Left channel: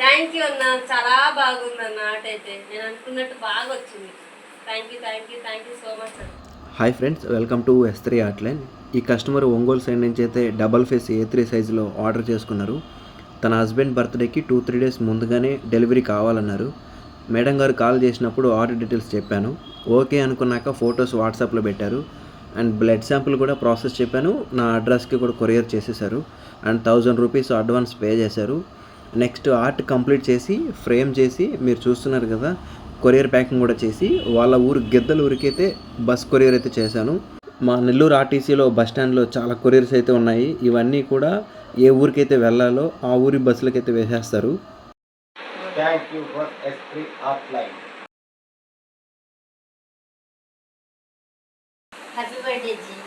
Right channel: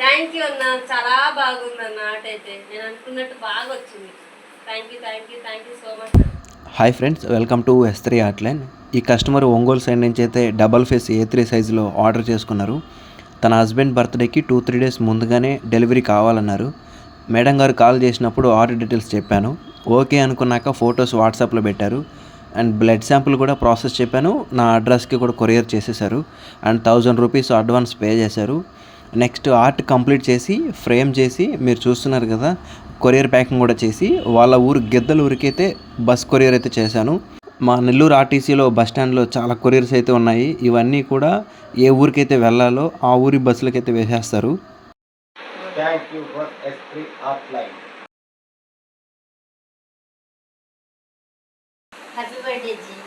Thank you అన్న, చాలా బాగుంది అన్న. ఆట అయితే నేను అనుకున్నట్టు బాగా వచ్చింది. Thank you so much. Hi friends, welcome to S3 ఆర్ట్లైన్. ఈ కస్టమర్ ఒంగోలు సైడ్ నుంచి అయితే డబల్ ఫేస్ A3 సైజులో ఆర్డర్ చేసుకున్నారు. తన హస్బెండ్ బర్త్డేకి 2-3 డేస్ ముందుగానే డెలివరీ కావాలన్నారు. మేడం గారు కాల్ చేసినప్పుడు ఆర్డర్ డీటెయిల్స్ చెప్పాను. ఓకే అనుకున్నాక ఫొటోస్ వాట్సాప్లో పెట్టారు. అండ్ బ్లడ్ శాంపుల్ కూడా ప్రాసెస్ చెప్పాను. నా అడ్రస్కి కూడా కొరియర్ చేసేసారు. అండ్ 1000 రూపీస్ అడ్వాన్స్ పే చేశారు. నెక్స్ట్ ఆర్ట్ కంప్లీట్ చేసి ఫ్రేమ్ చేసి మీరు చూస్తున్నారు కదా, కొరియర్ ప్యాకింగ్ కూడా చేసి వాళ్ళ ఊరు గిద్దల ఊరికైతే బస్ కొరియర్ అయితే చేశాను. మా నెల్లూరు ఆర్టీసీలో బస్ స్టాండ్లో చాలా కొరియర్స్ అయితే ఉన్నాయి. ఇవన్నీ కూడా ఏ ఊరికైతే వెళ్ళాలో ఆ ఊరి బస్సులకైతే వేసేస్తారు. Thank you for S3 offline. Happy birthday G.